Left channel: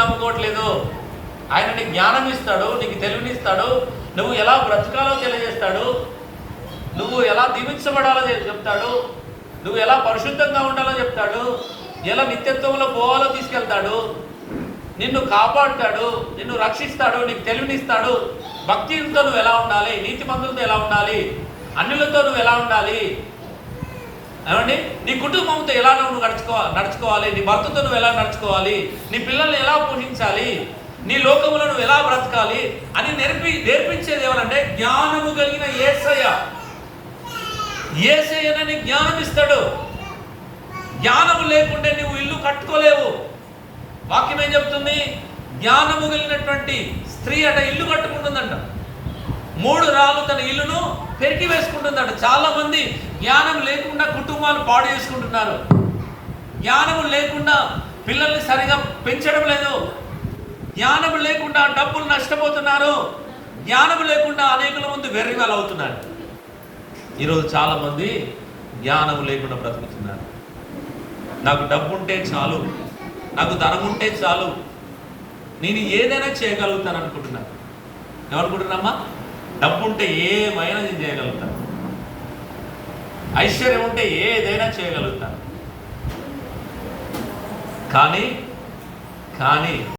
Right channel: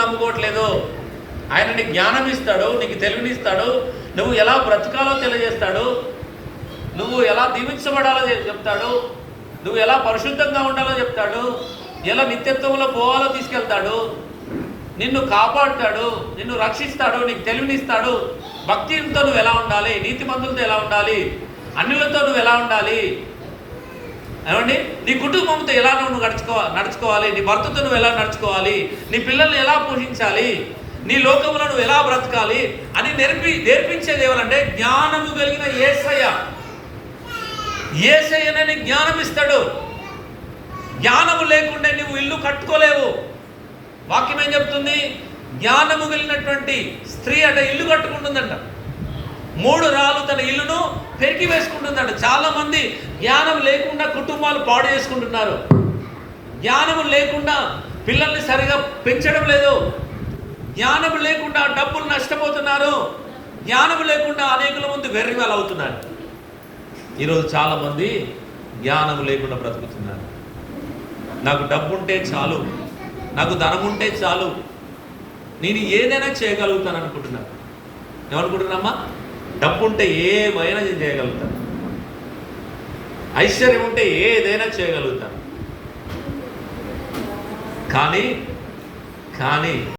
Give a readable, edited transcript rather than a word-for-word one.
నమ్ముకోవట్లేదు. ఆయన నీకు జ్ఞానం ఇస్తాడు, నీకు తెలివినిస్తాడు, నువ్వు ఎలా బ్రతకాలో తెలియజేస్తాడు, నువ్వు ఎలా దీవించబడాలో చెప్తాడు, నువ్వు ఎలా పరిశుద్ధంగా ఉండాలో చెప్తాడు, ఎలా నిత్యత్వంలో పోవాలో తీసుకెళ్తాడు, నిన్ను కాపాడుతాడు, నిన్ను రక్షిస్తాడు, నీకు తెలివినిస్తాడు. భక్తితో నువ్వు ఎలా ఉండాలి, నీతిమంతులతో ఎలా ఉండాలి, అన్యులతో నువ్వు ఎలా ఉండాలి, ఏమండి నీ కుటుంబంతో ఎలా నువ్వు నడుచుకోవాలి, నీ భర్తతో నువ్వు ఎలా నడుచుకోవాలి, నీ పిల్లల్ని ఎలా పోషించాలి, నీ లోకంలో నువ్వు ఎలా బ్రతకాలి అని నేర్పించేది ఏమనంటే జ్ఞానము కలిగిన యేసయ్య. యేసయ్యనని జ్ఞానం ఇస్తాడు. జ్ఞానము లేకుంటే నువ్వు ఇల్లు కట్టుకోలేవు. వాక్యం ఏం చెప్తుంది? జ్ఞానము కలిగినటువంటి స్త్రీ అట ఇల్లు కట్టుకుంటుందంట. 3 రాళ్ళు తన ఇల్లును పెరికి వేసుకుంటుందంట. చాలా మంది జ్ఞానం లేకుండా కుటుంబాలు పాడు చేసుకుంటున్నారు. జ్ఞానం లేకుండా పిల్లల్ని సరిగా పెంచడం లేదు. జ్ఞానం లేకుండా డబ్బులు నష్టపోతున్నారు. జ్ఞానం లేకుండా అనేకుల ముందు వెర్రివాళ్ళు అవుతున్నారు. ఈరోజు చాలా మంది జ్ఞానం లేకుండా బ్రతుకుతున్నారు. నాకు డబ్బు ఉంటే చాలు, నాకు ధనం ఉంటే చాలు, నేను ఏదైనా చేయగలుగుతాను అనుకుంటున్నాను. ఏమనుకుంటున్నామ్మా? డబ్బు ఉంటే ఏమైనా నేను చేయగలుగుతాను, ఐశ్వర్యం ఉంటే ఏదైనా చేయగలుగుతాను. కానీ